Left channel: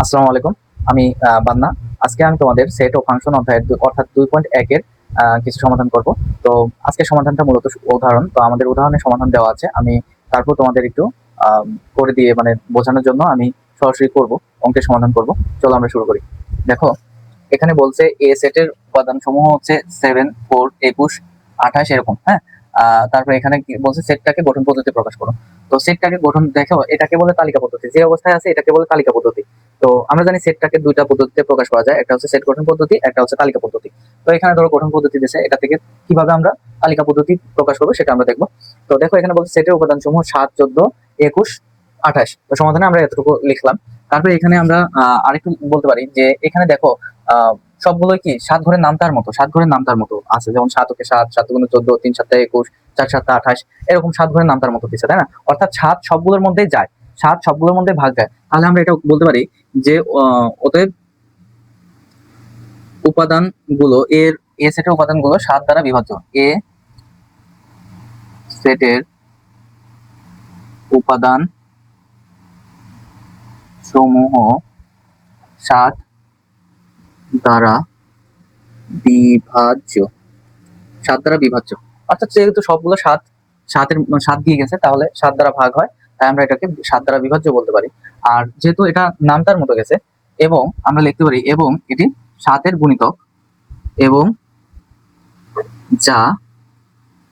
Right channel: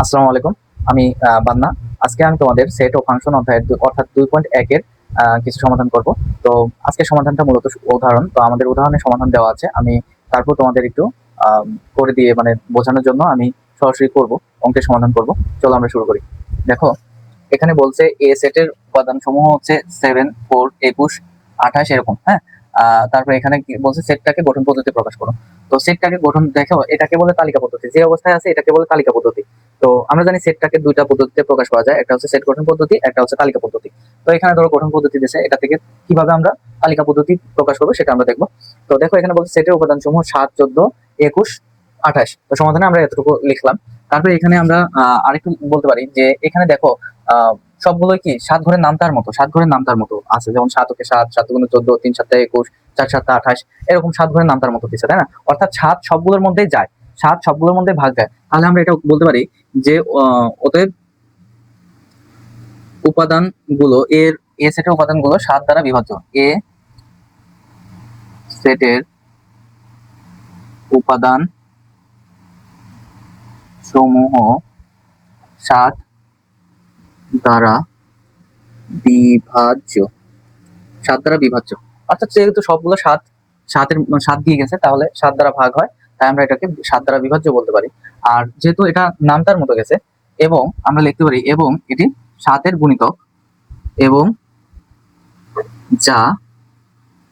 আসসালামু আলাইকুম। আমি বান্না। আজকে আমি তোমাদের সেট ও ফাংশন অধ্যায়ের অর্থাৎ 2.1 এর কিছু সমাধান করব। তো আজকের সমাধানটা মূলত উদাহরণ। তো আমাদের উদাহরণের সমাধান দেওয়া আছে। আমি তারপর তোমাদের একটু করে দিয়ে মানে বোঝানোর জন্য আমি সরাসরি করব, অঙ্কের সমাধান করব। চলো আমরা শুরু করি। দেখো, এখানে বলছে এ সেটের উপাদান সমূহ হচ্ছে 7, 4, 21, 28 এরকম। হ্যাঁ, তারপরে এখানে কি বলছে, সেটটাকে গঠন পদ্ধতিতে প্রকাশ করো। তো সেটটাকে গঠন দেখো, এটাকে বলে তালিকা পদ্ধতি। যে অবস্থায় আছে এটাকে বলে তালিকা পদ্ধতি। তো আমরা জানি সেটটাকে দুইটা পদ্ধতিতে প্রকাশ করা যায়, একটা হচ্ছে সেট গঠন পদ্ধতি, একটা হচ্ছে তালিকা পদ্ধতি। তো এখানে ধরো গঠন পদ্ধতি দিয়েছে, এটা থেকে কিভাবে আমরা তালিকা পদ্ধতি প্রকাশ করবো সেটা আমরা দেখবো। তো দেখো, এখানে বলছে সেটের উপাদান সমূহ 7, 14, 21, 28। তো সমাধানে আমরা এতটুকু লিখলাম। তারপরে এখানে আমরা আরেকটু বলতে পারি যে এখানে দেখো, আহ সবগুলোই কি 7 ঘরের নাম তার মতো, 7 ঘরের নাম তার মতো আছে। যেমন 7 ওকে 7, 7 গুণে 14, 3 7 21, 4 7 28, এরকম 7 ঘরের নাম তার মতো দিচ্ছে, তাই না? অর্থাৎ 7 সবগুলোর মধ্যেই যায়, 7 সবগুলোর মধ্যে ভাগ যায়। তাহলে আমরা এটা বলতে পারি যে ওদের উপাদান গুলো এ সেটের উপাদান গুলো 7 দ্বারা বিভাজ্য। এ সেটের উপাদান সমূহ 7 দ্বারা বিভাজ্য, 7 দ্বারা বিভাজ্য। অর্থাৎ যেহেতু সবগুলো 7, 7 এর 7 দিয়ে গেছে, তাহলে 7 দ্বারা ভাগ হয়, তাই আমরা এটাকে 7 দ্বারা বিভাজ্য বলতে পারি। আর যেহেতু এটা নামতার মতো গেছে, এবং আমরা লিখতে পারি এবং এটি 7 এর গুণিতক, এবং যা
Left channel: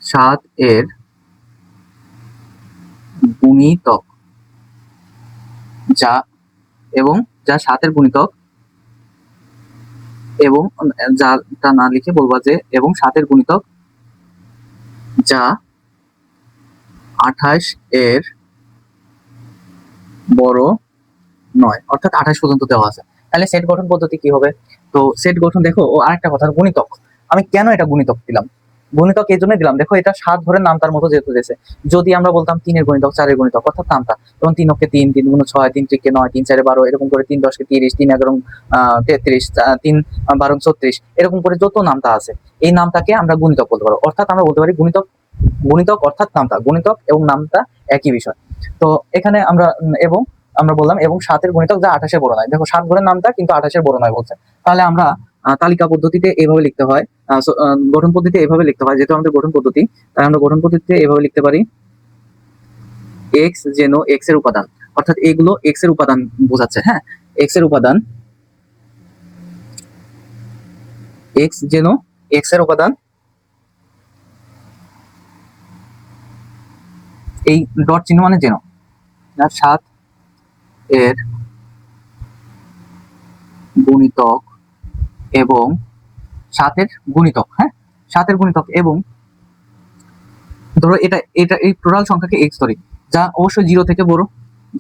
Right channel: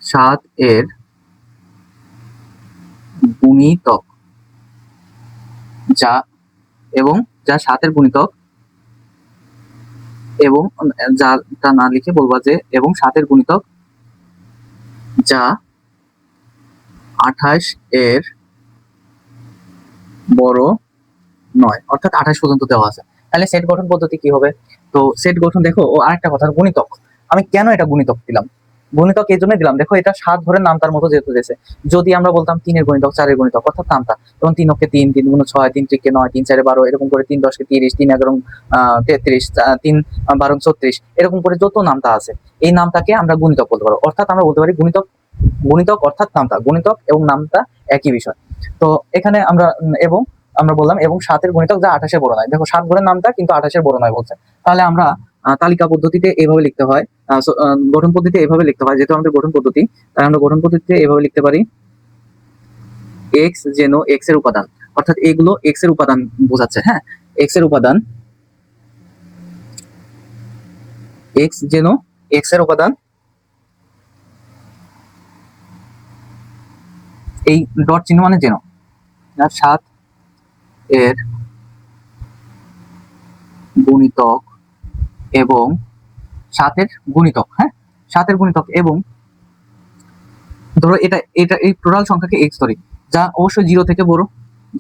7 এর গুণিতক, যা এবং যা 7 এর গুণিতক, এবং যাটা না লিখে বলবো যে এবং 7 এর গুণিতক যা 28 এর বড় নয়, অর্থাৎ 28 পর্যন্ত দেওয়া আছে। তাহলে সেট গঠন পদ্ধতি কি হবে? তো সেট গঠন দেখো, ও আরেকটা কথা, গুণিতক। আমি কেন এটা গুণিতক দিলাম? গুণিতক এই জন্য দিলাম, দেখো এটা 7 ঘরের নাম তার মতো যেহেতু দিয়েছে। যদি আমরা বলতাম 3 এর গুণিতক, 4 এর গুণিতক, অর্থাৎ নামতা, যেমন 3 ওকে 3, 3 গুণ 6, 3 3 9, 3 4 12, এরকম করে 3 10 30, 3 11 33, 3 12 34, এরকম করে যত নামতা আছে, এই নামটাকে আমরা গুণিতক বলতে পারবো। অর্থাৎ আমরা বলতে পারি গুণিতক, গুণিতক অর্থাৎ নামতা, গুণিতক এবং নামতা একই বিষয়। তো এখানে আমরা এবং আমরা বললাম এবং 7 এর গুণিতক যা 28 এর বড় নয়। দেখো, 7 ঘরের নামটা কিন্তু 28 এর বড় নয় বলছে। তাহলে আমরা তালিকা পদ্ধতিতে এভাবে লিখতে হয়, গঠন পদ্ধতিতে এভাবে লিখতে হয়, যেহেতু আমাদের গঠন পদ্ধতি, তাই আমরা গঠন পদ্ধতিতে এভাবে লিখতে পারি। এক্স যেন এক্স এর উপাদান, অর্থাৎ এগুলো এক্স এর উপাদান বোঝাচ্ছে। হ্যাঁ, এক্স এর উপাদান, এক্স যেন এক্স এর উপাদান, এই ডট চিহ্ন মানে যেন 7 এর গুণিতক এবং 7 এর গুণিতক, হ্যাঁ, 7 এর গুণিতক, এবং ধরো এটা এটা এই টোটাল সংখ্যাকে এক্স ধরি, যা অবশ্যই 0 থেকে বড়,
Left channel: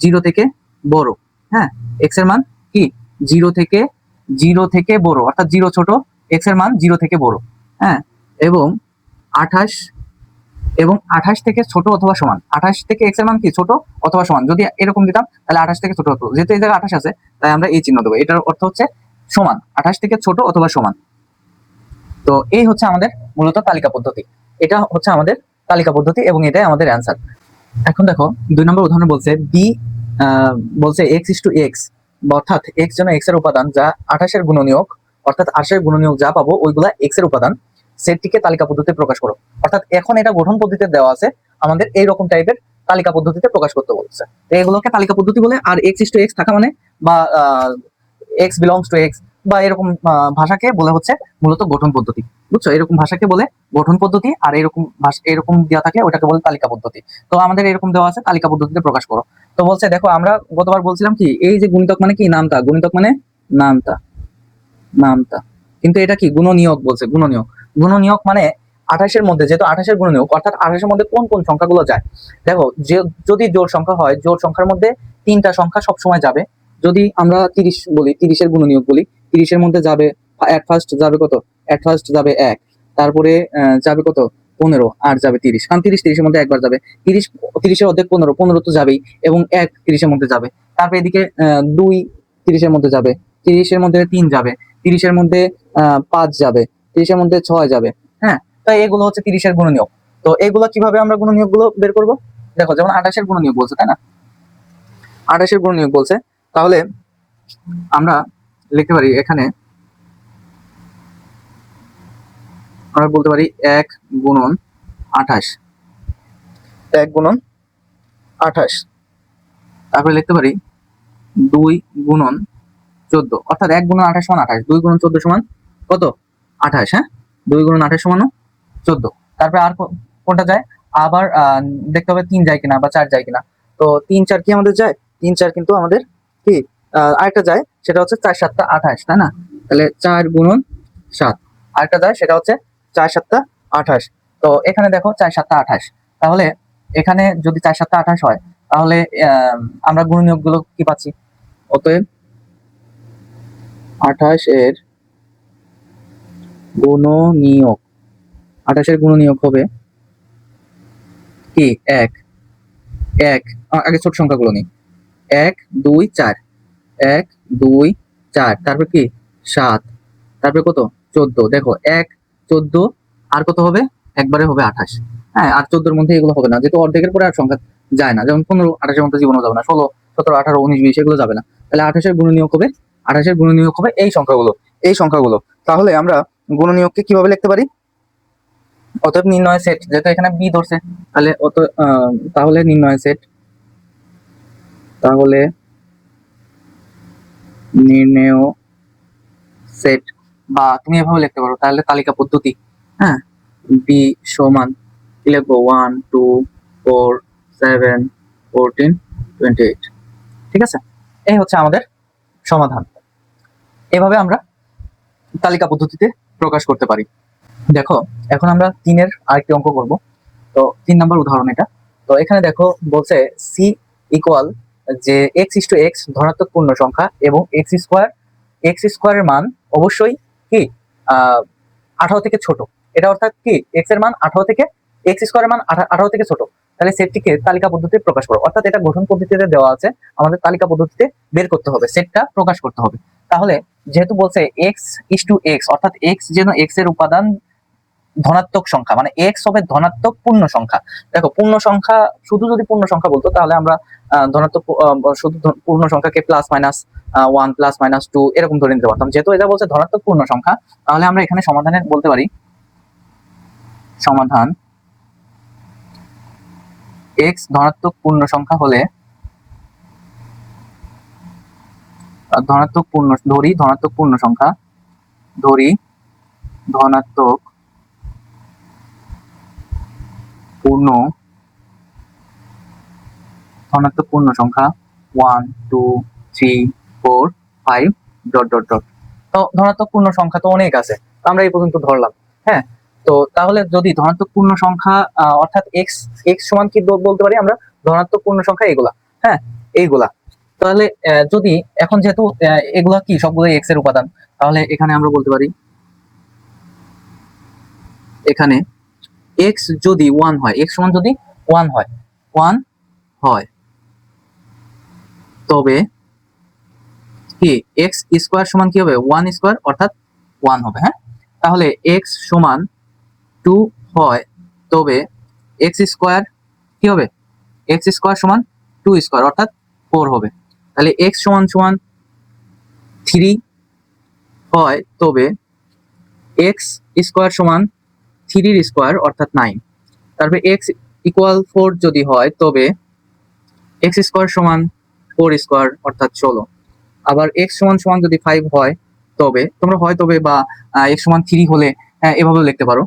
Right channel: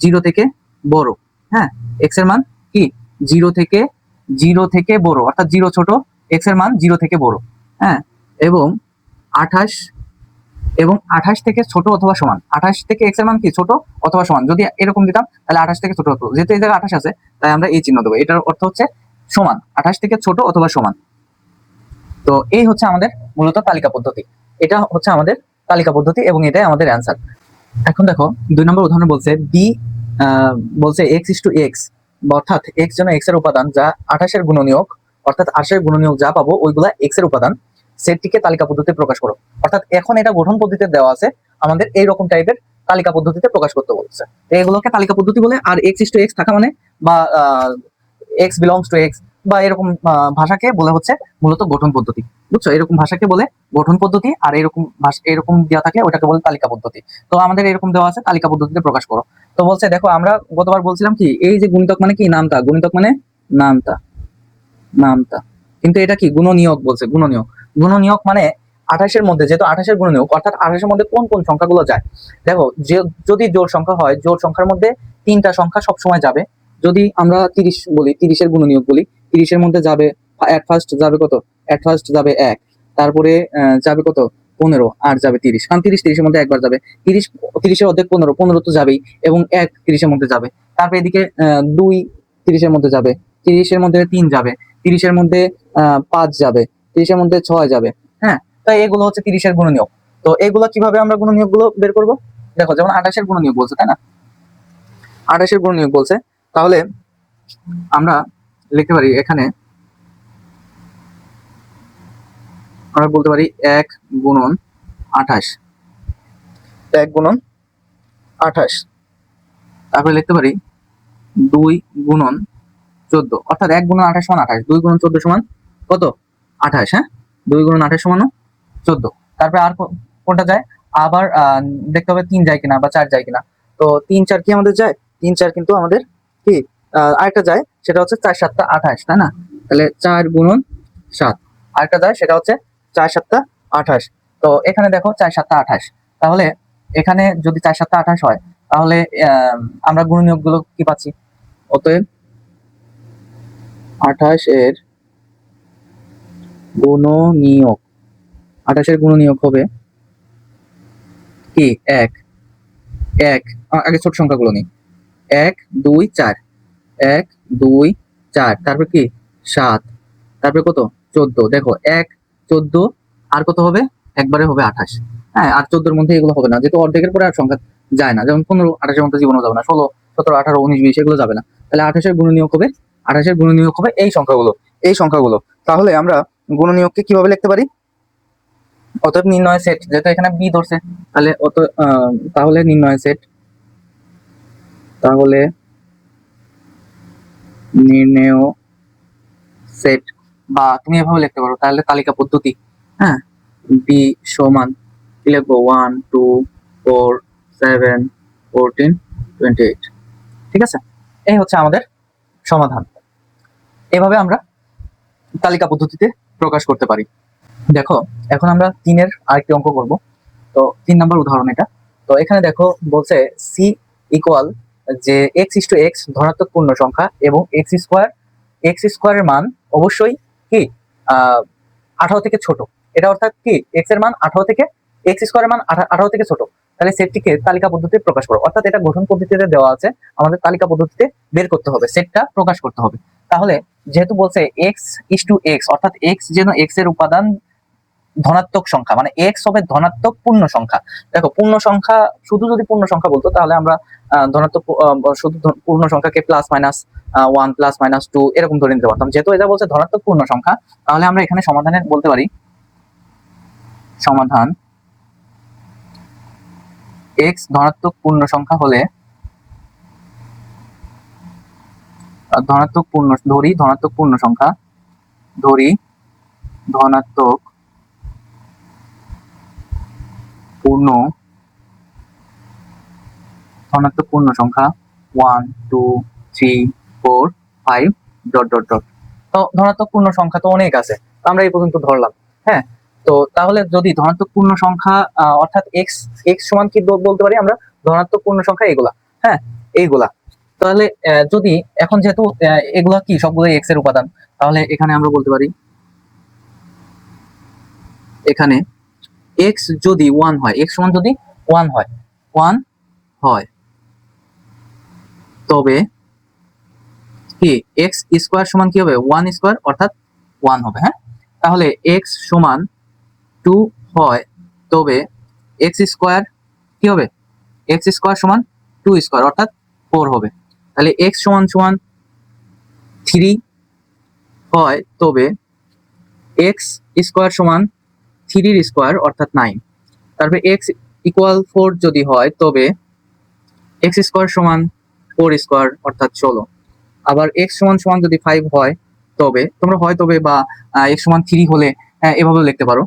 0 থেকে বড়। হ্যাঁ, এক্স এর মান কি 0 থেকে বড়, অর্থাৎ 0 ছোট, এক্স এর মান 0 থেকে বড়। হ্যাঁ, এবং 28, এবং 28 থেকে ছোট অথবা সমান, 28 থেকে এক্স এর মান কি ছোট অথবা সমান। যদি এরকম দিতাম তাহলে 28 থেকে ছোট হতো, যেহেতু এই জায়গায় 28 আছে তাই আমরা এই চিহ্ন দেবো। এটার অর্থ হচ্ছে সমান, 28 থেকে ছোট অথবা সমান। তো এই হচ্ছে আমাদের মূলত তালিকা পদ্ধতি। এটা হচ্ছে আমাদের তালিকা পদ্ধতি এবং এটাই আমাদের অ্যান্সার। এখন দেখো, 2 নম্বর উদাহরণে বলছে বি, বলছে এক্স ইস টু এক্স, অর্থাৎ এক্স যেন এক্স এর উপাদান যা 28 এর গুণনীয়ক, অর্থাৎ 28 এর গুণনীয়ক যা পাবো ওইগুলা এক্স এর উপাদান, সেটটিকে তালিকা পদ্ধতিতে প্রকাশ করো। অর্থাৎ এখন এটা গঠন পদ্ধতিতে দেওয়া আছে, আমাদের এইরকম টাইপের তালিকা পদ্ধতিতে প্রকাশ করতে বলছে। এইগুলোকে তালিকা পদ্ধতি বলে। আর এক্স ইস টু এক্স থাকা মানে, বা এক্স বিলংস টু এক্স, বা এরকম ভাষাকে বলে হচ্ছে মূলত গঠন পদ্ধতি। বুঝছো, এরকম ভাষাকে বলে গঠন পদ্ধতি, আর এরকম ভাষা এরকম দেওয়া থাকে ওটাকে বলে তালিকা পদ্ধতি। তো আমাদের এরকম দেওয়া আছে, তালিকা পদ্ধতিতে প্রকাশ করো। তো বলছে দেখো, আমরা গতবার বলছিলাম কি, এই যে গুণিতক মানে কি নামতা, গুণিতক মানে নামতা, নামতা, কিন্তু এটা কি গুণনীয়ক বলছে, গুণনীয়ক। গুণনীয়ক মানে 28 এর মধ্যে, যেহেতু 28 এর গুণনীয়ক, অর্থাৎ 28 এর মধ্যে কোন কোন সংখ্যাগুলো যায়। দেখো, যদি জোড় সংখ্যা হয়, জোড় সংখ্যার মধ্যে 3টা সংখ্যা সবসময় যাবে। যদি আমরা 30 বলি, 30 এর গুণনীয়ক বলি, 30 এর মধ্যে যাবে এক ফার্স্ট যাবে কত, এক ফার্স্ট যাবে 1, তারপরে যাবে কত 15, আর যাবে 30, কারণ 30 30 এর মধ্যে একবার যাবে। 30 30 এর অর্ধেক 15, 15 তো যাবেই, এবং 1 30 এর মধ্যে যাবে। তারপরে এদিকে 2 30 এর মধ্যে যাবে, 30 এর মধ্যে 3 যাবে, 30 এর মধ্যে 5 যাবে, 30 এর মধ্যে 6 যাবে। হ্যাঁ, তো এগুলো হচ্ছে 30 এর গুণনীয়ক। তো এগুলো কিভাবে আমরা গুণনীয়ক গুলো বের করবো? দেখো, যেমন 28 এর গুণনীয়ক বলছে, তাই না? 28 এর গুণনীয়ক বলছে, তাহলে আমরা লিখতে পারি এখানে, আমরা বলতে পারি 1 গুণন 28, 1 গুণন 28। তারপরে লিখতে পারি 2 গুণন 14, অর্থাৎ 1 গুণন 28 সমান 28, 2 গুণন 14 সমান কত? 28। হ্যাঁ, 2 গুণন 28 সমান 14। তারপরে আর কোনটা যায়? আবার দেখতে হবে 3 যায় কিনা বা 4 যায় কিনা। তো 3 4 কি আমাদের যায়? 3 4 কিন্তু আমাদের কি আরেকটা যায়, সেটা হচ্ছে 4 7 28, তাই না? তাহলে 4 গুণন 7। আরেকটা যায়, সেটা হচ্ছে 4 7 28। তো এখানে দেখো 4 7 28। তাহলে এখানে যদি 4 7 28 হয়, তাহলে আমরা গুণনীয়ক গুলো কি পাচ্ছি? অতএব 28 এর গুণনীয়ক, 28 এর গুণনীয়ক হবে কি? 1 1, আগে ছোট সংখ্যাগুলো নেই। 1 2 4, 1 2 4, তারপর কি 7, তারপরে কত 14। দেখো 1 14 আর কত হবে? একবারে হবে 28। হ্যাঁ, আর 14 এর মধ্যে এগুলো হবে না, যেহেতু অর্ধেকের পরে আর সংখ্যা যায় না, যেমন 15 28 এর মধ্যে জীবনও যাবে না, 16 17 18 19 20 এগুলো যাবে না। তাহলে 28 এর গুণনীয়ক হবে, 28 এর গুণনীয়ক হবে এই সংখ্যাগুলো, এই সংখ্যাগুলো। তাহলে আমরা গুণনীয়ককে কিভাবে লিখতে পারি? অতএব নির্ণয় সেট, যেহেতু এখানে বি ধরছে, তাহলে তাহলে নির্ণয় সেট, তাহলে নির্ণেয় সেট, বা তুমি এভাবে লিখতে পারো, তাহলে তালিকা পদ্ধতি। হ্যাঁ, বি সমান কি লিখবো? 1 2 4 7 14 28। ঠিক আছে, এই হচ্ছে আমাদের সমাধান। এভাবে আমরা তালিকা পদ্ধতিতে প্রকাশ করতে পারি। দেখো, এখন আমরা 3 এর আরেকটি অঙ্ক করব। তো 3 নম্বর উদাহরণ এটা। তো এখানে দেখো বলছে সি ইকুয়াল যে এক্স ইস টু এক্স ধনাত্মক পূর্ণ সংখ্যা এবং এক্স স্কোয়ারের মান অবশ্যই কি 18 থেকে ছোট। এটা অর্থাৎ কি এক্স এর মান 18 থেকে, এক্স স্কোয়ারের মান 18 থেকে ছোট। তাহলে সেটটিকে তালিকা পদ্ধতিতে প্রকাশ করো, অর্থাৎ এটা গঠন পদ্ধতিতে দেওয়া আছে, আমাদের তালিকা পদ্ধতিতে বের করতে হবে, সেটটা প্রকাশ করতে হবে। তাহলে যেহেতু বলছে এক্স ইস টু এক্স, অর্থাৎ এক্স যেন এক্স এর উপাদান ধনাত্মক সংখ্যা, মানে এক্স হবে ধনাত্মক পূর্ণ সংখ্যা। দেখো পূর্ণ সংখ্যা, শুধু যদি পূর্ণ সংখ্যা বলতো তাহলে আমরা ধনাত্মক শুধু পূর্ণ সংখ্যাকে প্লাস মাইনাস 1 প্লাস মাইনাস 2 এরকম ধরে নিতে পারতাম। যেহেতু এটা বলছে ধনাত্মক পূর্ণ সংখ্যা, তাহলে আমরা এখানে সমাধানে বলতে পারি সমাধান এক্স ধনাত্মক পূর্ণ সংখ্যা হলে, ধনাত্মক পূর্ণ ধরি, ধনাত্মক পূর্ণ সংখ্যা ধরি, ধনাত্মক পূর্ণ ধনাত্মক পূর্ণ সংখ্যা 1 2 3 4 5 ডট ডট ডট। তো ধনাত্মক পূর্ণ সংখ্যা তো অনেক আছে, আমরা এই পর্যন্ত ধরলাম। হ্যাঁ, তো তাহলে যদি ধনাত্মক পূর্ণ সংখ্যা অর্থাৎ এক্স এক্স সমান কি বলতে পারি আমরা? ধনাত্মক পূর্ণ সংখ্যা এগুলা। হ্যাঁ, এইগুলা। তাহলে যদি এখন যেহেতু এগুলা কি সবগুলো এক্স এর উপাদান, তাহলে এখানে আমরা বলতে পারি এখানে এক্স যদি 1 হয়, এক্স সমান যদি 1 হয়, 1 হয়, তবে কি এক্স স্কোয়ার সমান কি হবে? 1 স্কোয়ার, অর্থাৎ 1 হবে। হ্যাঁ, তাহলে এক্স সমান 2 হয়, তবে এক্স স্কোয়ার কি হবে? এক্স স্কোয়ার সমান 2 স্কোয়ার, অর্থাৎ 4 হবে। তাহলে এক্স সমান সমান 3 হয়, তবে এক্স স্কোয়ার সমান 3 স্কোয়ার, অর্থাৎ 9। তারপরে এক্স ইকুয়াল 4 যদি হয়, তবে এক্স স্কোয়ার সমান 4 স্কোয়ার, অর্থাৎ 16। আবার এক্স সমান সমান যদি 5 হয়, তবে তোমরা হয় তবে বা এক্স সমান 3 হলে এভাবে লিখতে পারো।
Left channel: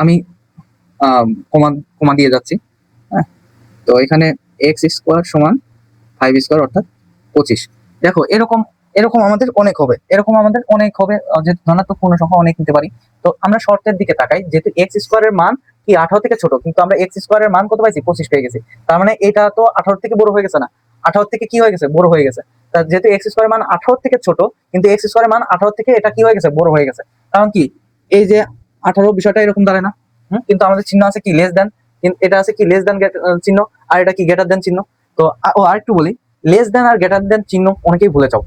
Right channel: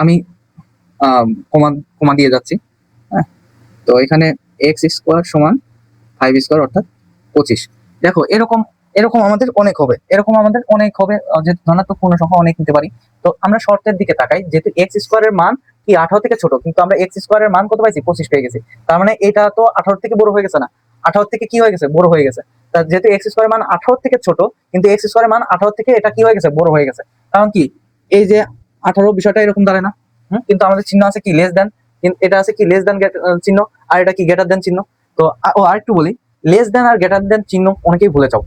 আমি কমা কমা দিয়ে যাচ্ছি। হ্যাঁ, তো এখানে এক্স স্কোয়ার সমান 5 স্কোয়ার, অর্থাৎ 25। দেখো এরকম এরকম আমাদের অনেক হবে, এরকম আমাদের অনেক হবে, যে ধনাত্মক পূর্ণ সংখ্যা অনেক নিতে পারি। তো আমরা শর্তের দিকে তাকাই, যেহেতু এক্স স্কোয়ারের মান কি 18 থেকে ছোট, কিন্তু আমরা এক্স স্কোয়ারের মান কত পাইছি? 25 পেয়ে গেছি। তার মানে এটা তো 18 থেকে বড় হয়ে গেছে না? 18 থেকে কি হয়ে গেছে? বড় হয়ে গেছে। যেহেতু এক্স স্কোয়ারের মান 18 থেকে ছোট, কিন্তু এক্স স্কোয়ারের মান 18 থেকে এটা কি হয়ে গেছে? বড় হয়ে গেছে। কারণ কি এই যে 18 বিষয়টা এরকম দাঁড়ায় না? কিন্তু আমাদের চিহ্ন আছে কি লেস দেন, এটা আছে কি লেস দেন চিহ্ন, আর এটা কি গ্রেটার দেন চিহ্ন। তো আরেকটু বলি, লেস দেন আর গ্রেটার দেন চিহ্ন অনেকেই ভুলে যাও,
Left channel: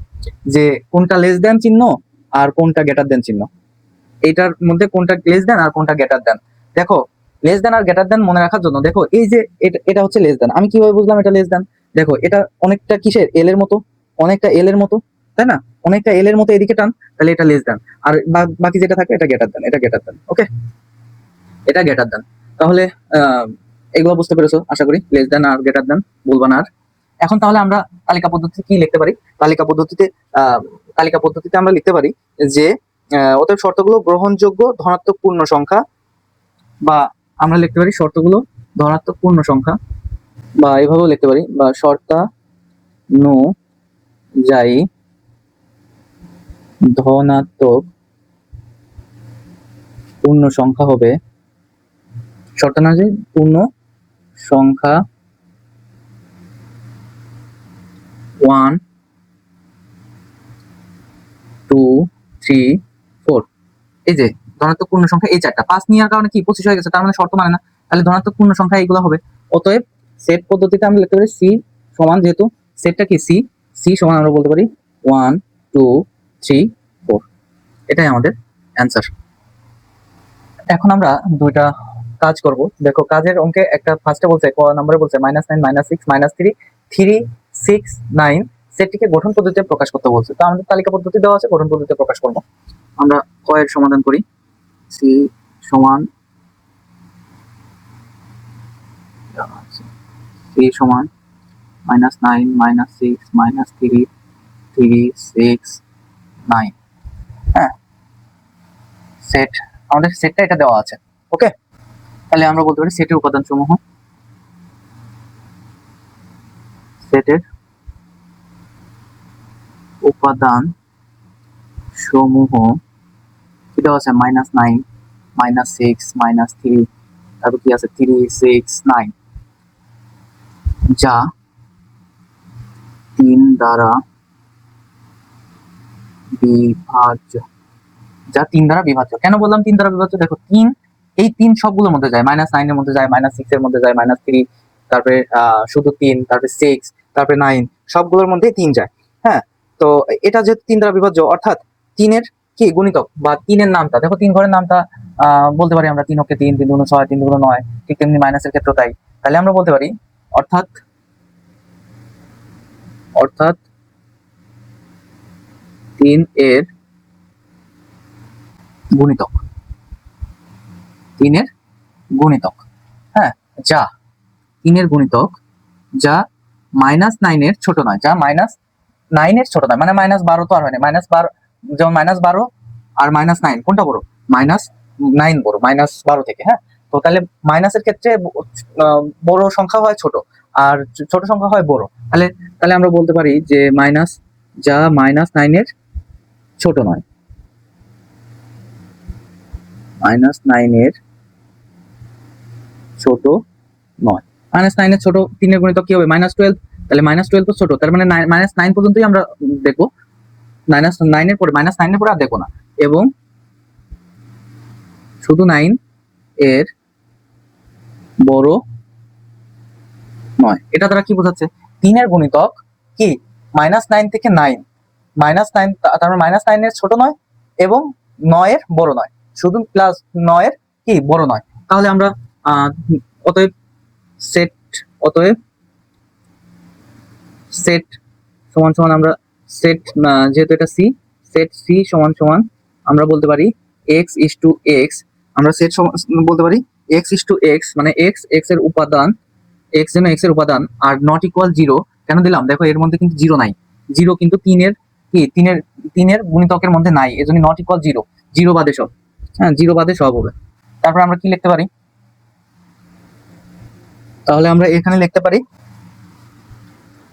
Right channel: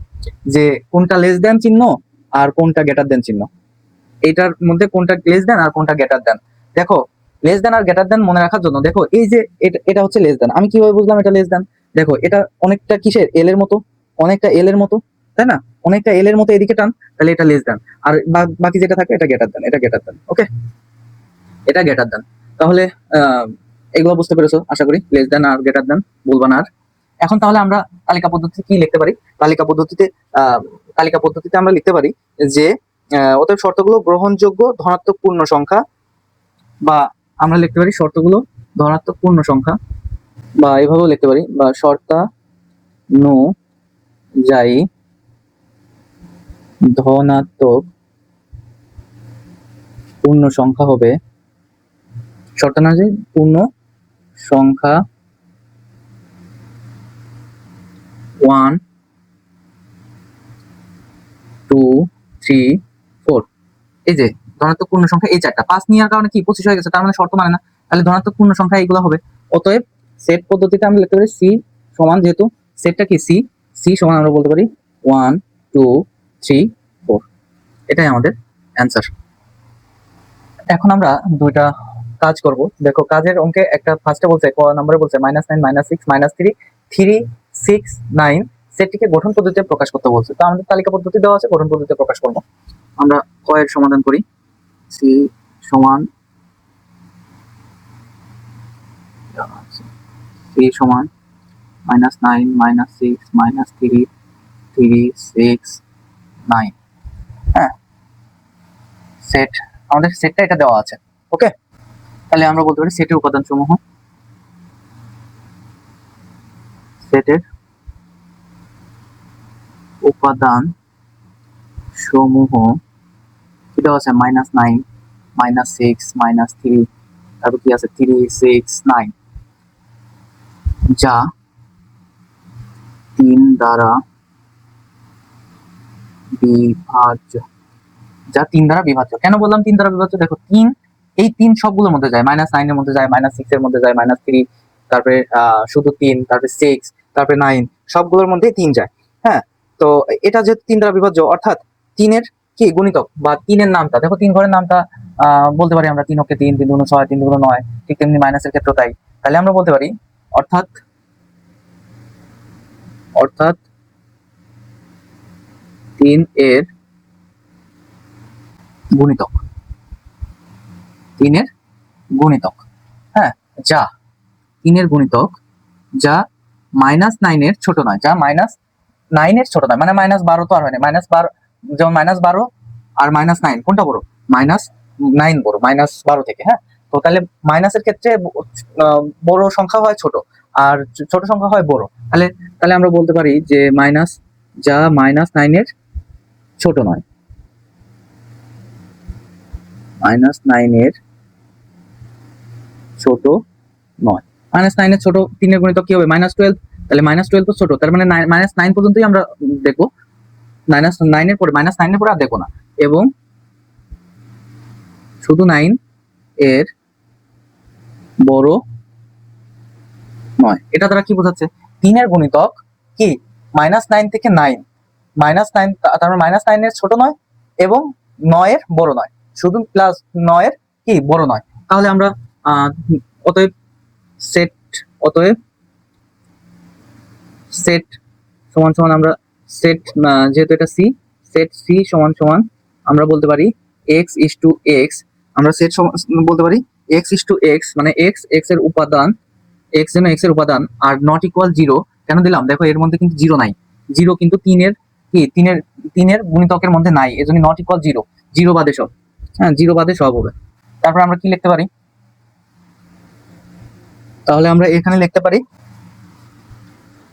যে কোনটা লেস দেন চিহ্ন আর কোনটা গ্রেটার দেন চিহ্ন, এইটার মধ্যে কোনটা লেস দেন আর কোনটা গ্রেটার দেন। দেখো লেস দেন আর গ্রেটার দেন মনে রাখার জন্য, দেখো এই যে এটা হচ্ছে লেস দেন, আমি কিভাবে বুঝলাম এটা লেস দেন? দেখো এটা অনেকটা কিসের? এল এর মতো, অনেকটা এল এর মতো। তাই না? অনেকটা এল এর মতো এদিকে টান, তাহলে এটা লেস দেন, আর বাকি যেটা থাকে এটা গ্রেটার দেন, এটা গ্রেটার দেন। ওকে, এটা গ্রেটার দেন। তাহলে আহ, এগুলো বুঝতে পেরেছো আশা করি, লেস দেন আর গ্রেটার দেন বলবো না আর। এখন তাহলে আমরা তালিকা পদ্ধতি কি লিখতে পারি? তালিকা পদ্ধতিতে আহ, তালিকা পদ্ধতিতে আমরা লিখতে পারি যে অতএব শর্তগুলো গ্রহণযোগ্য ধনাত্মক পূর্ণ সংখ্যা, বা আমরা লিখতে পারি শর্তগুলো ধনাত্মক পূর্ণ সংখ্যা, বা এভাবেও লিখতে পারি, বা শর্তানুযায়ী ধনাত্মক পূর্ণ সংখ্যা হবে, শর্তানুযায়ী পূর্ণ সংখ্যা 1 2 3 4। এই যে ধনাত্মক পূর্ণ সংখ্যা এই চারটা, 5 নেওয়ার কারণে কি 25 হয়ে গেছে, তার মানে শর্ত মানে না, তাহলে ধনাত্মক পূর্ণ সংখ্যা এইগুলো হবে। অতএব সেট পদ্ধতিতে আমরা লিখতে পারি সি সমান, যেহেতু সেটটা কি সি, সি সমান আমরা বলতে পারি 1 2 3 4। এটাই আমাদের অ্যান্সার। এখন আমরা দুইটা কাজ করব। দেখো কাজের অঙ্কে একটা ফার্স্টে বলছে, ক নম্বরে বলছে -9 -6 -3 3 6 9 সেটটিকে গঠন পদ্ধতিতে প্রকাশ করতে বলছে। তো আমাদের তালিকা পদ্ধতি দেওয়া আছে, গঠন পদ্ধতিতে প্রকাশ করব। আমরা তো এর সমাধান করি। সি সমান সি সমান -9 -6 -3 3 6 9। হ্যাঁ, সেট, আমাদের সেটটা এটা দেওয়া আছে। ওকে, তাহলে আমরা বলতে পারি সেটের উপাদান সমূহ, সেটের উপাদান সমূহ এটা হচ্ছে -9 -6 -3, তারপর কি আছে 3 6 9, যা 3 দ্বারা বিভাজ্য, যা 3 দ্বারা বিভাজ্য। কেন বললাম 3 দ্বারা বিভাজ্য? দেখো 3, এই 3 সবগুলোর মধ্যে যায়, -9 এর মধ্যে যায়, -6 এর মধ্যে যায়, -3, তারপরে শুধু 3, তারপরে 6, তারপরে 9, সবগুলোর মধ্যে 3 যায়। হ্যাঁ, তো এটা যেহেতু 3 দ্বারা বিভাজ্য, অর্থাৎ 3-এর কি গুণিতক বা 3-এর নামটা, দেখো 3 ঘরের নামটা বলতে পারি আমরা 3 অক্ষে 3, 3 দুগুণে 6, 3 দুগুণে 9, ঠিক তেমনি মাইনাসের ক্ষেত্রে তাই। তাহলে আমরা বলতে পারি অর্থাৎ অর্থাৎ 3 এর গুণিতক, 3 এর গুণিতক, হ্যাঁ, যা 3 এর গুণিতক, যা -9 এর ছোট নয়, যা -9 এর ছোট নয়, মানে -12 তো আর হয় না, -12 যেমন -12 আর -9 কোনটা বড়? -9 বড়, -12 থেকে। হ্যাঁ, তো তাহলে মাইনাসের ক্ষেত্রে বড় সংখ্যা হয় ছোট, আর ছোট সংখ্যা হয় বড়। তাহলে তাহলে আমরা বলতে পারি যে মাইনাস, যা -9 এর ছোট নয়, -9 এর ছোট নয়। -9 এর ছোট 3 এর গুণিতক কি হবে? -12। তাহলে -12 তো ছোট, তার মানে -9 পর্যন্তই আমরা দেখবো, -9 এর পরে, -9 এর পরে আর দেখো না, এবং শুধু 9 এর বড় নয়। এটা দ্বারা কি বোঝাচ্ছে? 3 এর গুণিতক কি -9 থেকে 9, -9, তার মানে -9 এর ছোট নয় এবং 9 এর বড় নয়, শুধু প্লাস 9 এর কি বড় নয়। তাহলে আমরা আহ, অতএব সেট, অতএব সেট সমান সমান আমরা সেট, যেহেতু এটা সি, সেট সি সমান সমান আমরা বলতে পারি x is to x, আমরা সেট বলতে পারি x is to x, মানে x x এর উপাদান, x যেন x এর উপাদান, আর নট ইকুয়াল 0 কেন দিলাম? দেখো এর মধ্যে কিন্তু 0 নাই, 0 কিন্তু 3 এর কি 3 এর গুণিতকের মধ্যে নাই, এজন্য নট ইকুয়াল 0, 0 বাদে সব। হ্যাঁ, 0 বাদে সব হবে। তারপর আমরা কি লিখতে পারি? তাহলে আমরা এখানে লিখতে পারি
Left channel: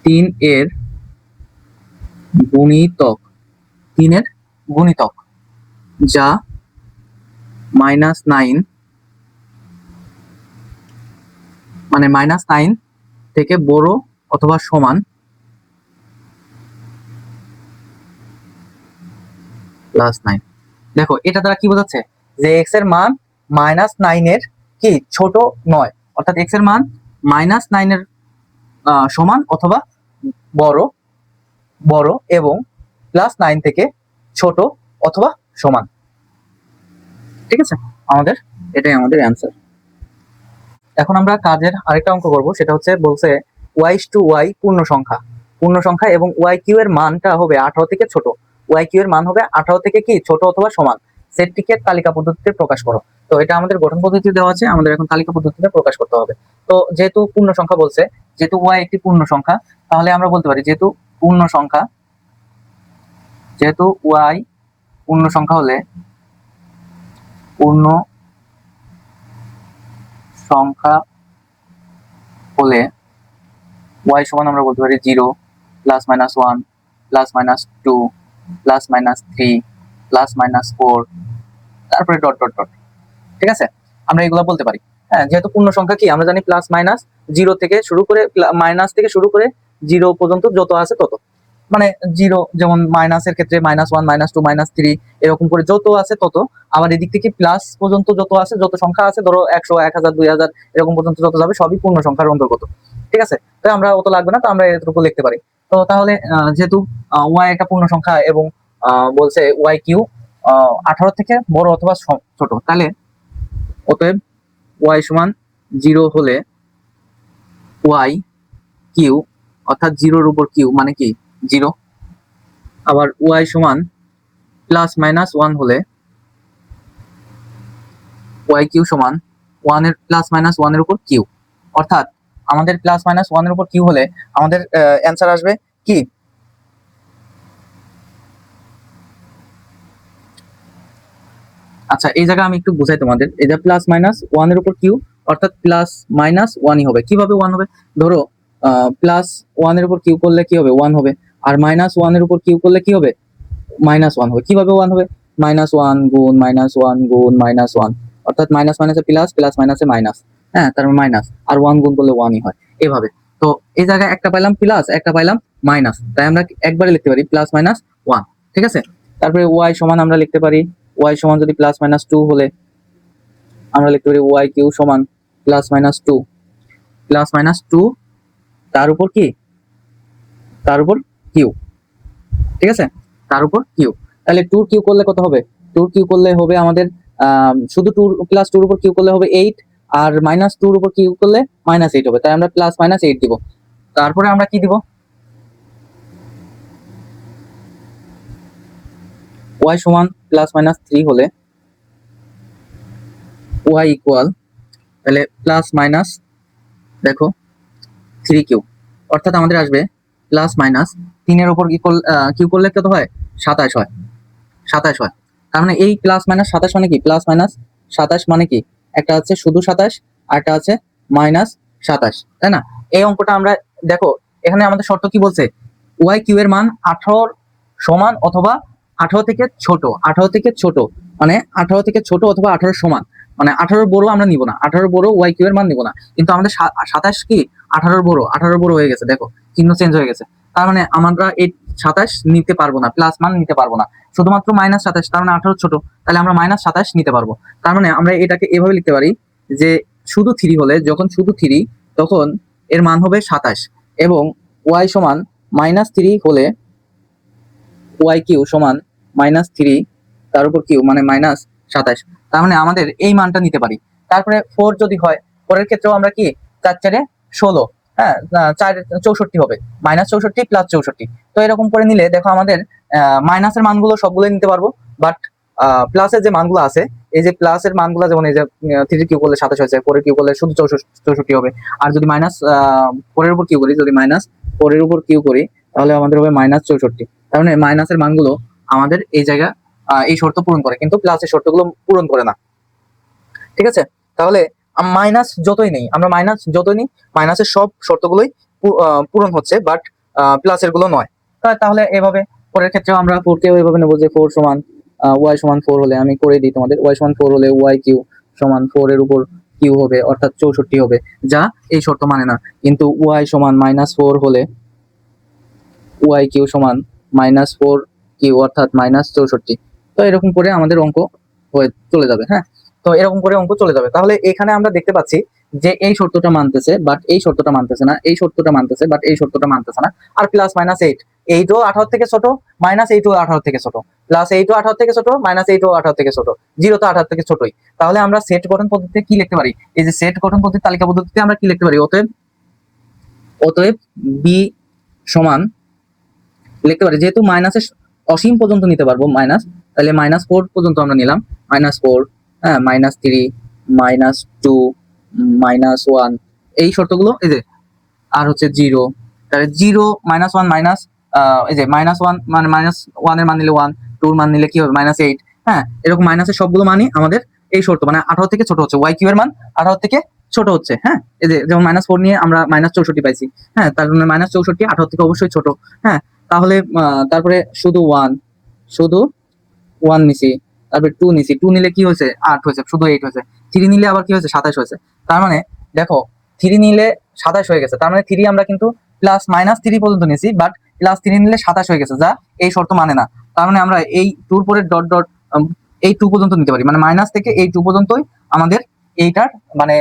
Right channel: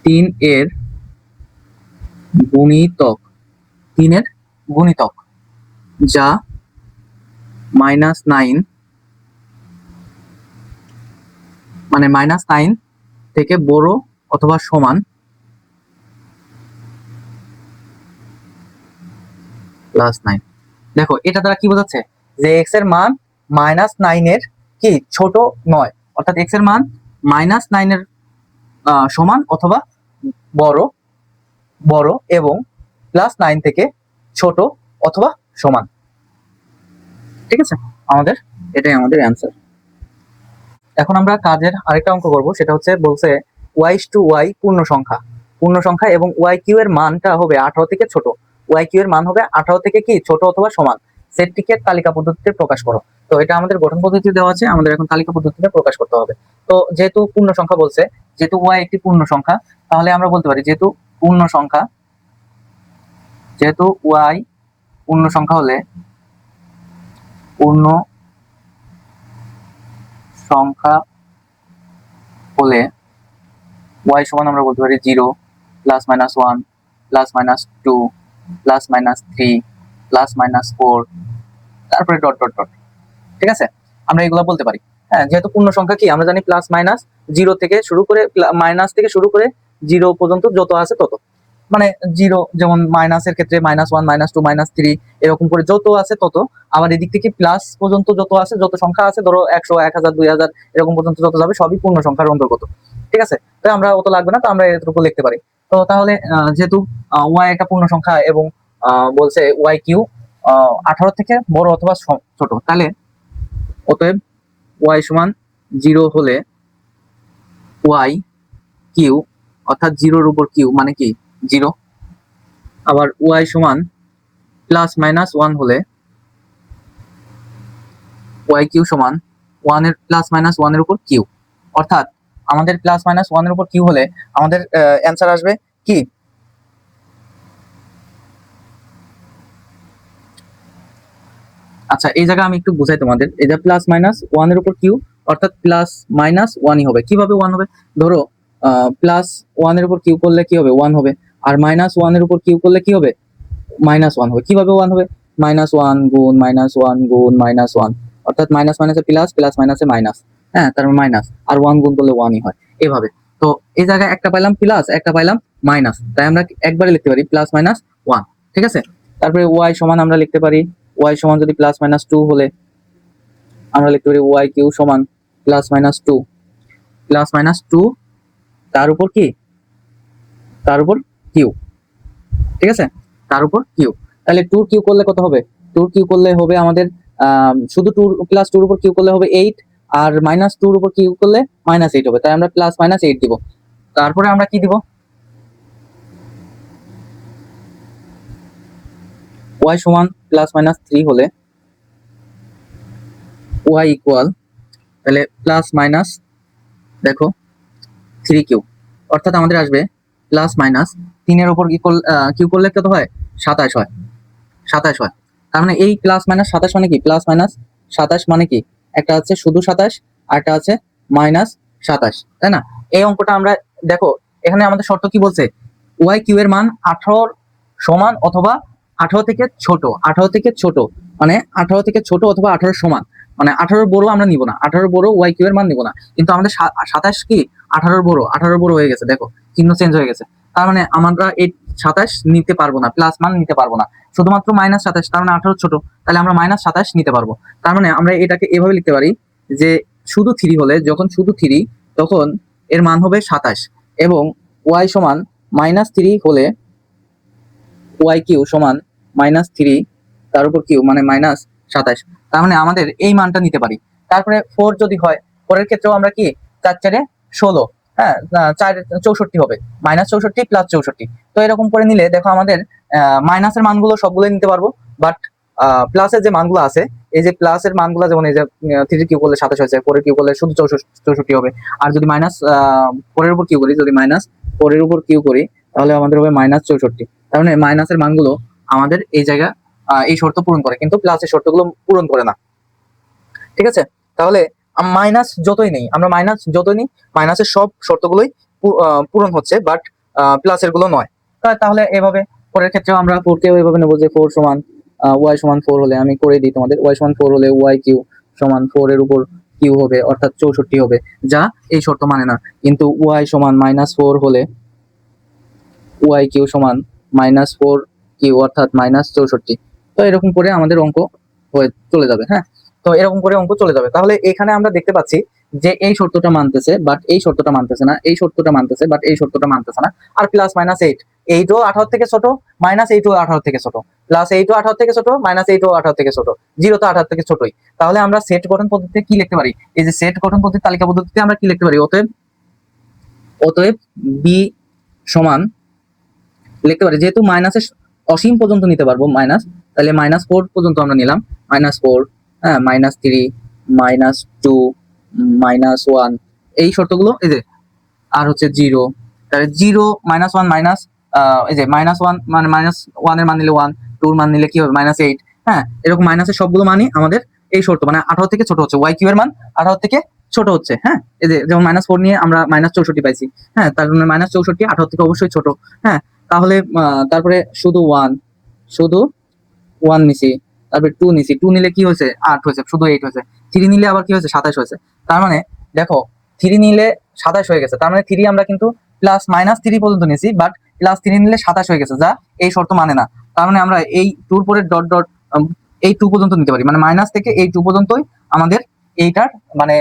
3 এর গুণিতক, 3 এর গুণিতক, যা -9, মানে -9 থেকে বড় অথবা সমান +9। দেখো এটা দ্বারা কি বোঝাচ্ছে? যে x এর মান -9 এর কি ছোট নয়, অর্থাৎ x এর মান -9 এর সমান অথবা বড়, বড় এবং +9 থেকে ছোট অথবা সমান। ঠিক আছে, আমাদের এটাই আমাদের অ্যান্সার। এখন আমরা কাজের আরেকটা অঙ্ক করব, সেটা হচ্ছে বলছে y to y পূর্ণ সংখ্যা। পূর্ণ সংখ্যা এবং ওয়াই কিউ এর মানটা হবে 18 থেকে ছোট। ওয়াই কিউ এর মান হবে 18 থেকে কি ছোট অথবা সমান। সেটটিকে তালিকা পদ্ধতিতে প্রকাশ করো। তো এটা আমাদের গঠন পদ্ধতি দেওয়া আছে, আমাদের এখন তালিকা পদ্ধতিতে প্রকাশ করতে হবে। তো যেহেতু পূর্ণ সংখ্যা বলছে, যেহেতু ওয়াই একটি পূর্ণ সংখ্যা, তাহলে আমরা বলতে পারি যেহেতু পূর্ণ সংখ্যা, যেহেতু ওয়াই পূর্ণ সংখ্যা হলে পূর্ণ সংখ্যা হলে ওয়াই সমান আমরা বলতে পারি 0 plus minus 1 plus minus 2 plus minus 3 plus minus 4, তারপরে ডট ডট ডট। ঠিক আছে, আমরা এগুলো বলতে পারি। হ্যাঁ, যেহেতু পূর্ণ সংখ্যা কি আমরা জানি প্লাস মাইনাস 0 থেকে শুরু করে মাইনাস থেকে শুরু করে 0 পর্যন্ত যত আছে তত, মানে 0 যেমন মাইনাসের ক্ষেত্রে -1 -2 -3 এরকম করে যত আছে তত। আবার এদিক থেকে প্লাস পর্যন্ত যত আছে, যত সংখ্যা আছে, ধরো 100 1000 2000 এরকম পর্যন্ত যত যাবে সবই পূর্ণ সংখ্যার অন্তর্গত। ঠিক আছে, তো আমরা অত লাগবে না, তো আমরা এতটুকু লিখতে পারি। তো তাহলে যেহেতু ওয়াই একটা পূর্ণ সংখ্যা এবং বলছে ওয়াই কিউ 18 থেকে বড় অথবা ছোট, তাহলে অতএব ওয়াই সমান 0 হলে ওয়াই কিউ অর্থাৎ 0-র উপর কিউ মানে কি 0। আবার ওয়াই সমান প্লাস মাইনাস 1 হলে ওয়াই কিউ সমান 1 এর প্লাস মাইনাস 1 এর উপর কিউ। অর্থাৎ আমাদের প্লাস মাইনাস 1 এর উপর কিউ হলে আমাদের অ্যান্সার আসবে কি, আচ্ছা এই জায়গায় আমি একটু বোঝাই তোমাদের। এটা প্লাস মাইনাস 1 এর উপর কিউ, অর্থাৎ প্লাস মাইনাস 1ই হবে। কিভাবে 1 হবে? ধরো প্লাস 1 এর উপর কিউ করলে কি হবে 1 হবে, আর মাইনাস 1 এর উপর কিউ করলে কি হবে -1 হবে। কিভাবে 1 হবে? -1 গুণ -1 গুণ -1, অর্থাৎ মাইনাস মাইনাসে প্লাস, প্লাস মাইনাসে মাইনাস। হ্যাঁ, তার মাইনাস আর 1 গুণ করলে 1ই হয়, এভাবে। তো এই জায়গায় একটা পাইলাম প্লাস, একটা পাইলাম মাইনাস, তাই আমরা একবারে লিখতে পারি প্লাস মাইনাস 1। ঠিক আছে, তারপরে ওয়াই সমান আমরা লিখতে পারি, ওয়াই সমান যদি প্লাস মাইনাস 2 হলে আমরা লিখতে পারি ওয়াই কিউ সমান প্লাস মাইনাস 2, প্লাস মাইনাস 2 তার উপর কি, তার উপর কিউ। ঠিক আছে, তার উপর কিউ। তাহলে 2 কিউ করলে কত হবে? 2 কিউ করলে হবে আমাদের শুধু 2 প্লাস 2 এর উপর কিউ করলে হবে 8, আর মাইনাস 2 এর উপর কিউ করলে -8 হবে, তাই আমরা প্লাস মাইনাস 8 দিব। তারপরে আমরা কি দিব, y সমান প্লাস মাইনাস 3 হলে y ইকুয়াল, তাহলে প্লাস মাইনাস দেখো 3 কিউ, অর্থাৎ আমাদের আসবে প্লাস মাইনাস 3 এর উপর কিউ করলে কত হয় 27 হয়, 27 হয়। তার মানে এই প্লাস মাইনাস 27 মানে কি, প্লাস মাইনাস 27 মানে কি, একটা হচ্ছে শুধু 27 আর একটা আছে মাইনাস 27, তাই না? এই অঙ্কটা আমরা দেখো, এখানে আমাদের শর্ত কি বলছে, ওয়াই কিউ এর মান 18 সমান অথবা 18 থেকে ছোট, 18 থেকে ছোট মানে 18 থেকে ছোট অথবা 18 সমান, মানে 18 বড় আমরা নিব না, 18 বড় ওয়াই কিউ এর মান নিব না। কিন্তু আমাদের 27 কি 18 বড়, 18 বড় হয়ে গেছে, দেখো চিহ্ন চেঞ্জ হয়ে গেছে। তার মানে আমরা এই 27 নিতে পারবো না, প্লাস মান নিতে পারবো না, শুধুমাত্র -27, তার মানে 18 ছোট, তাহলে আমরা -27 নিতে পারবো। তার মানে আমরা এটাকে এভাবে লিখতে পারি যে শুধু 3 হলে, যখন শুধু 3 তখন এর মান হবে 27, এবং ওয়াই সমান -3 হলে ওয়াই কিউ সমান -3 তার উপর কিউ মানে -27। তার মানে আমাদের এই মানটা নিতে পারি। তারপরে 4 যদি হয়, 4 এর ক্ষেত্রেও আমরা কি 4 4 16, হ্যাঁ 4 64 হবে, -64 প্লাস 64। তো এরকম করে নিলে দেখো আমাদের মাইনাসের মানগুলো সবগুলো নিতে পারবো, বাট প্লাসের যে মানগুলো আছে, এই যে প্লাসের মানগুলো যেমন এই যে 3 কিউ করলে 27 হয়েছে, 4 কিউ করলে শুধু 64 হবে। আর যদি মাইনাস 4 এর উপর কিউ করি, যদি -4 এর উপর কিউ করি, তাহলে আমাদের হবে -64। তার মানে মাইনাসের মানগুলো আমাদের এই জায়গায় এই শর্ত পূরণ করে, কিন্তু প্লাসের শর্তগুলো পূরণ করে না। ঠিক আছে, তাহলে মাইনাস যতই নেই, আমরা মাইনাস যতই নেই, মাইনাসের সব শর্তগুলোই পূরণ হচ্ছে, বাট প্লাসের গুলো নয়। তাহলে এভাবে পরের ক্ষেত্রে আমরা 4 কেও এভাবে নেবো যে 4 সমান ওয়াই সমান 4 হলে, আমি করে দিই তোমাদের, ওয়াই সমান 4 হলে ওয়াই কিউ সমান 4 এর উপর কিউ হবে, অর্থাৎ 64 হবে, যা এই শর্ত মানে না। কিন্তু ওয়াই সমান -4 হলে ওয়াই কিউ সমান -4 কিউ, অর্থাৎ -64। তো এরকম করে আমাদের অঙ্ক হয়ে চলে যাবে। হ্যাঁ, তো এরকম করে অঙ্ক চলে যাবে। তাহলে এখানে আমরা দেখতে পাচ্ছি যে এই শর্তটা মানতেছে, বাট এই শর্তটা মানতেছে না, এই শর্তটা মানতেছে, বাট এই শর্তটা মানতেছে না। আর প্লাস -8, এইটও 18 থেকে ছোট, -8ও 18 থেকে ছোট, +8ও 18 থেকে ছোট, -8ও 18 থেকে ছোট, 0 তো 18 থেকে ছোটই। তাহলে আমরা সেট গঠন পদ্ধতিতে কি লিখতে পারি, এই যে সেট গঠন পদ্ধতি তালিকা পদ্ধতিতে আমরা কি লিখতে পারি, অতএব বি সমান লিখতে পারি, যেহেতু মাইনাসের অসীম পর্যন্ত নিতে পারবো মাইনাস, তাহলে -4 পর্যন্ত আমরা নিলাম, -4, হ্যাঁ, -3, -2, -1, এই শর্তগুলো এই যে, আর হচ্ছে 0, তাহলে 0, -1, মাইনাস এই যে -1 মানে -1 এর মান নিলে 1, 2 এর মান নিলে কি হবে -8, হ্যাঁ, এরকম মাইনাসের সবগুলো মানই আমাদের এই শর্ত, মানে 18 থেকে ছোট হচ্ছে, y কিউ এর মান 18 থেকে ছোট হচ্ছে, হ্যাঁ, এই যে যেমন -4 নিয়ে আমরা -64 পাইছি, হ্যাঁ, তার মানে -64 18 থেকে অবশ্যই ছোট, হ্যাঁ, তাহলে তারপরে শুধু 1 নিছি, তারপরে 2 নিছি, 2 নিলে কি হয়েছে 8 হয়েছে, শুধু 8 হয়েছে, 3 নিলে আবার কি হয়েছে 27 হয়েছে, তার মানে দেখো 3 নিলে 27 হয়ে গেছে, তার মানে 3 আমরা কিন্তু +-3 পর্যন্ত নিয়েছি, বাট +3 নিলে 27 হয়ে গেছে, যা এই শর্ত মানে না, তার মানে আমরা এই 2 এর পরে ডট ডট এই 2 পর্যন্ত নিতে পারি, মানে মাইনাস থেকে এই 2 পর্যন্তই আমাদের এইটার মানে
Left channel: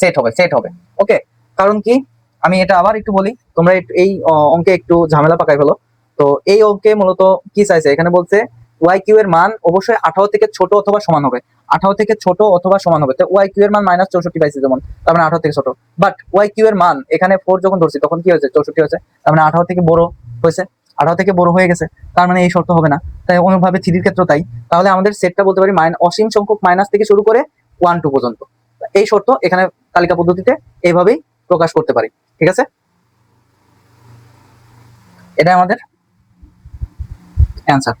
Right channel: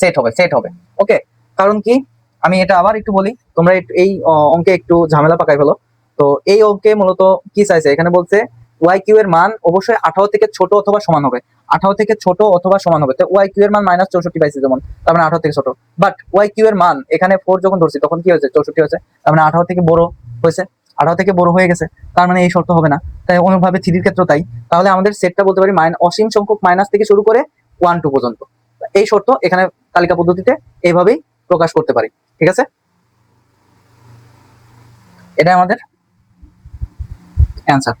সেট হবে, ওকে। কারণ কি, আমি এটা আবার একটু বলি, তোমরা এই অঙ্কে একটু ঝামেলা পাকাই হলো। তো এই অঙ্কে মূলত কি চাইছে, এখানে বলছে ওয়াই কিউ এর মান অবশ্যই 18 থেকে ছোট অথবা সমান হবে, 18 থেকে ছোট অথবা সমান হবে, তা ওয়াই কিউ এর মান -64 পাইছে যেমন, তার মানে 18 থেকে ছোট, বাট ওয়াই কিউ এর মান এখানে 4 যখন ধরছি তখন কি হয়েছে 64 হয়েছে, তার মানে 18 থেকে বড় হয়েছে, 18 থেকে বড় হয়ে গেছে, তার মানে এই শর্ত হবে না, তাই অনুভাবে থ্রির ক্ষেত্রে তাই, তাহলে আমাদের সেটটা বলতে পারি অসীম সংখ্যক মাইনাস থেকে শুরু করে 1 2 পর্যন্ত, এই শর্ত এখানে তালিকা পদ্ধতিতে এইভাবেই প্রকাশ করতে পারে, ঠিক আছে, এটা আমাদের অ্যান্সার।